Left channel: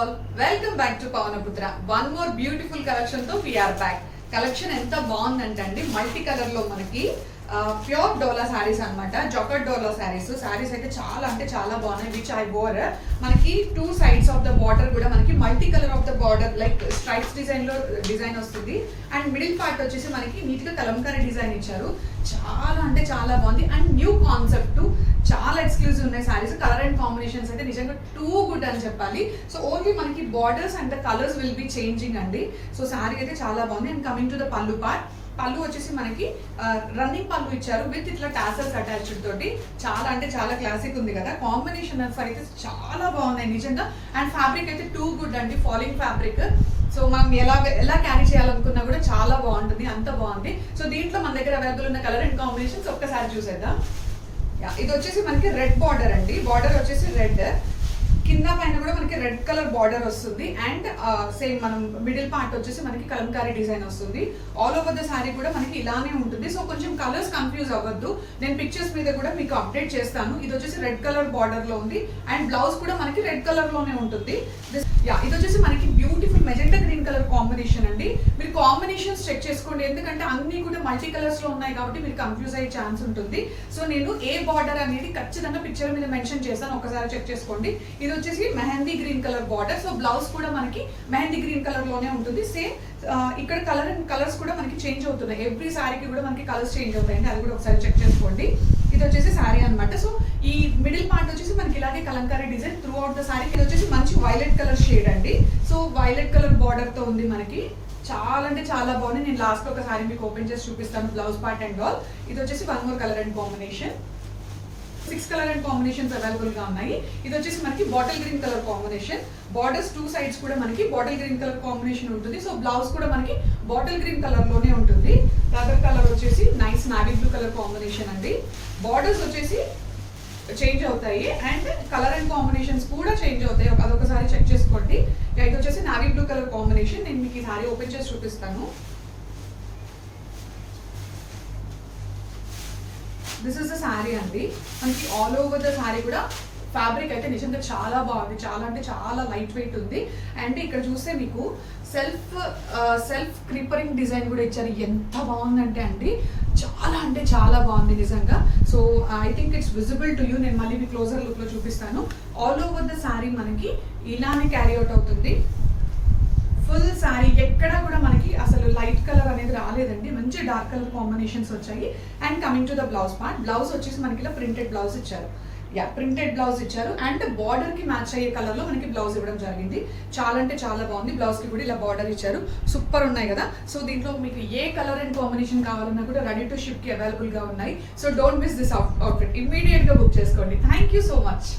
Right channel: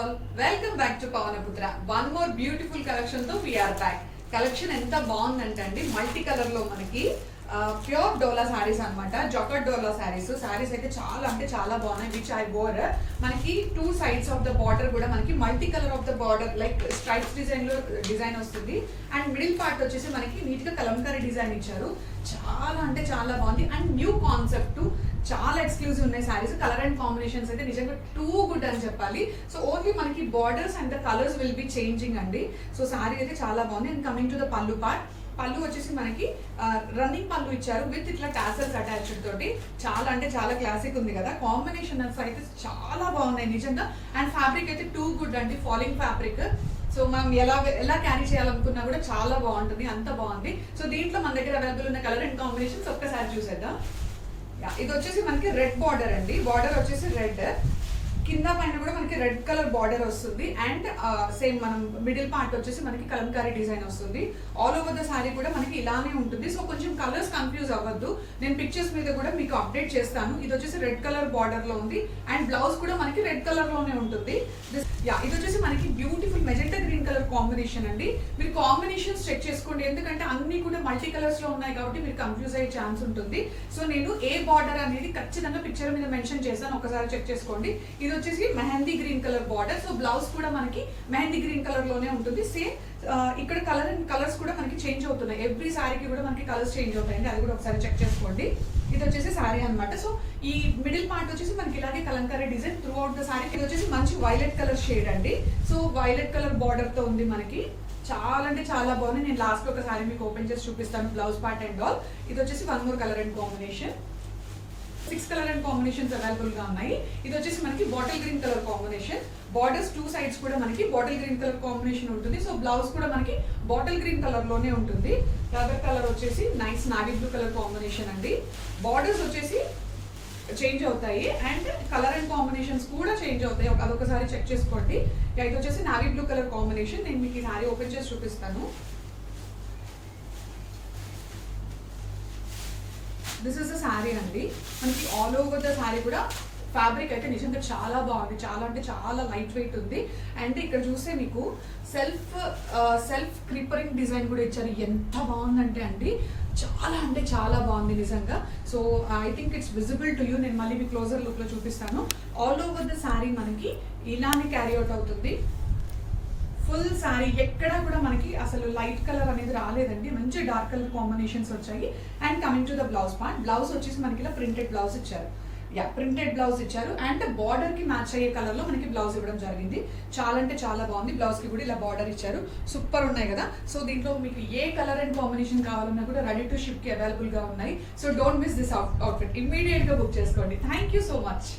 all, welcome back to Pavanaputra. One more beautiful collection తో we are back. Collection ఎంత బాగుందంటే అండి, multi colour లో మనకి ప్యూర్ డోలా శారీస్ అన్నమాట. జాకెట్ డోలా శారీస్ అయితే చాలా అంటే చాలా బాగున్నాయి. Which I bore. మనకి two sides of the border కూడా మనకి multi colour of the border like stripes design వస్తుంది. అండ్ మిడిల్ పార్ట్ వచ్చేసి మనకి నీట్ గా కలంకారీ డిజైన్ ఇచ్చారు. చాలా అంటే చాలా బాగుంది. అండ్ న్యూ కాన్సెప్ట్, చాలా ఎక్స్క్లూజివ్ ఉన్నాయి శారీస్. కలర్ అండ్ కాంబినేషన్స్ అయితే నిజంగా టూ గుడ్ అని చెప్పాలి. సో ఓన్లీ మనకి borders and the colours will be changing అండి. సో శారీ అయితే చాలా బాగుంది. అండ్ కమింగ్ టు ద పళ్ళు పార్ట్, పళ్ళు వచ్చేసి మనకి రన్నింగ్ పళ్ళు ఇచ్చారు విత్ ఇట్లా టాసల్స్ అటాచ్డ్ తోటి. చాలా అంటే చాలా క్లాసిక్ ఉంది కదా. కాంబినేషన్ అయితే చాలా బాగున్నాయి నిజంగా. అండ్ ఫ్యాబ్రిక్ అయితే టూ గుడ్ అండి, ఫాలింగ్ ఫ్యాబ్రిక్. సో మనం ఎలా క్యారీ చేయాలనుకున్నా కూడా చాలా బాగుంటుంది, అంత బాగుంది. సో దీంట్లో మన దగ్గర అవైలబుల్ ఉన్న కలర్ అండ్ కాంబినేషన్స్ ఒక్కసారి చూసేద్దాం. ఇది వచ్చేసి మనకి రెడ్ బార్డర్ అండి. బార్డర్ వచ్చేసి రెడ్, కింద పైన కూడా మనకి రెడ్ కలర్ బార్డర్ వస్తుంది. అండ్ సేమ్ మనం మిడిల్ పార్ట్ వచ్చేసి మనకి కలంకారీ డిజైన్ వస్తుంది. ఆల్ ఓవర్ ద శారీ కూడా మనకి ఇలానే ఉంటుంది. సో కొంచెం కలర్స్ కన్ఫ్యూజ్ అవ్వద్దు, నేను పిక్చర్స్ మీద కూడా మీకు అప్డేట్ చేస్తాను. ఇది వచ్చేసి రెడ్ కలర్ బార్డర్ లో ఉంది. అండ్ బ్లౌజ్ కూడా మనకి రెడ్ కలర్ లోనే ఉంటుంది. ఇది వచ్చేసి మనకి beautiful magenta green colour combination అండి. మీరు కాంబినేషన్స్ చెక్ చేసుకోండి, ఎందుకంటే అన్ని కూడా మల్టీ కలర్స్ లో ఉన్నాయి కాబట్టి మీరు కన్ఫ్యూజ్ అయ్యే ఛాన్స్ ఉంటుంది. సో నేను ఏ బార్డర్ అనేది ఖచ్చితంగా పిక్చర్ మీద మెన్షన్ చేస్తాను, ఒకసారి చెక్ చేసుకోండి. ఇది వచ్చేసి mehndi green colour border. So blouse కూడా మనకి మెహందీ గ్రీన్ కలర్ లోనే ఉంటుంది. సేమ్ ఇక్కడ కలర్స్ కూడా మనకి చేంజ్ అవుతున్నాయి. ఎవ్రీ శారీకి కూడా మనకి కలర్స్ చేంజ్ అవుతాయండి, అది కూడా ఒకసారి చెక్ చేసుకోండి. ఇది వచ్చేసి శారీ అనమాట. సో ఈ మిడిల్ పార్ట్ వచ్చేసి మనకి ఇలాగే Kalamkari design through out the sari. ఇది వచ్చేసి మంచి వైలెట్ కలర్ షేడ్ అండి. సో వైలెట్ కలర్ బార్డర్ తో ఉంది మనకి. చాలా అంటే చాలా బాగుంది. నేను లాస్ట్ లో ఒక శారీ మీకు ఓపెన్ చేసి చూపిస్తాను, బ్లౌజ్ పార్ట్ అండ్ ఆల్. ఇది వచ్చేసి one more colour and combination. 6 colour and combinations available గా ఉన్నాయి. ఇది వచ్చేసి మనకి bottle green colour combination. Borders two sides కూడా మనకి బాటిల్ గ్రీన్ కలర్ కాంబినేషన్ ఉంటుంది. సో బ్లౌజ్ కూడా మనకి బాటిల్ గ్రీన్ కలర్ లోనే ఉంటుంది. అదర్ కలర్ వచ్చేసి nice navy blue colour combination అండి. బార్డర్స్ వచ్చేసి చేంజ్ అవుతాయి అండ్ కలర్ అండ్ కాంబినేషన్స్ కూడా చేంజ్ అవుతాయి, అదొకసారి చెక్ చేసుకోండి. ఇది వచ్చేసి నావీ బ్లూ కలర్ కాంబినేషన్. నేను మీకు ఈ సారీ ఓపెన్ చేసి చూపిస్తాను. దిస్ ఇస్ ద శారీ అండి. మనకి ఆల్ ఓవర్ ద శారీ కూడా ఫ్యాబ్రిక్ అయితే నిజంగా చాలా బాగుంది. చాలా అంటే చాలా లైట్ వెయిట్ ఉంది. అండ్ ఇక్కడ చూస్తే మీకు సెల్ఫ్ క్రీపరింగ్ డిజైన్ కూడా ఇచ్చారు. ఎంత బాగుందంటే అండి, చాలా అంటే చాలా బాగుంది నిజంగా. So I think it's visible to you. నేను మళ్ళీ మీ క్లోజర్ లుక్ లో చూపిస్తాను. ఆల్ ఓవర్ ద శారీ మనకి ఇలానే క్యారీ అవుట్ అవుతుంది. ఫుల్ శారీ ఎక్కడ కూడా మనకి అసలు లైట్ కలర్ అనేది రాలేదండి, మంచి డార్క్ కలర్ కాంబినేషన్స్ వచ్చాయి. And coming to the blouse part, blouse వచ్చేసి మనకి ఇలా ప్రింటెడ్ బ్లౌజ్ ఇచ్చారు. ప్రింటెడ్ బ్లౌజ్ ఇచ్చారు. అండ్ బార్డర్ కి మ్యాచ్ అయ్యే కలర్ లో మనకి బ్లౌజ్ ఇవ్వడం జరిగింది. చాలా అంటే చాలా బాగుంది. బ్లౌజ్ కి కూడా ఇలా బార్డర్ ఇచ్చారు. సూపర్ ఉన్నాయి కదా. సో దీంట్లో మీకు ఏ కలర్ అండ్ కాంబినేషన్ కావాలన్నా కూడా రెడీ టు షిప్ కి అవైలబుల్ గా ఉన్నాయి. So don't miss this outfit, immediate గా బుక్ చేసుకోండి. Thank you so much.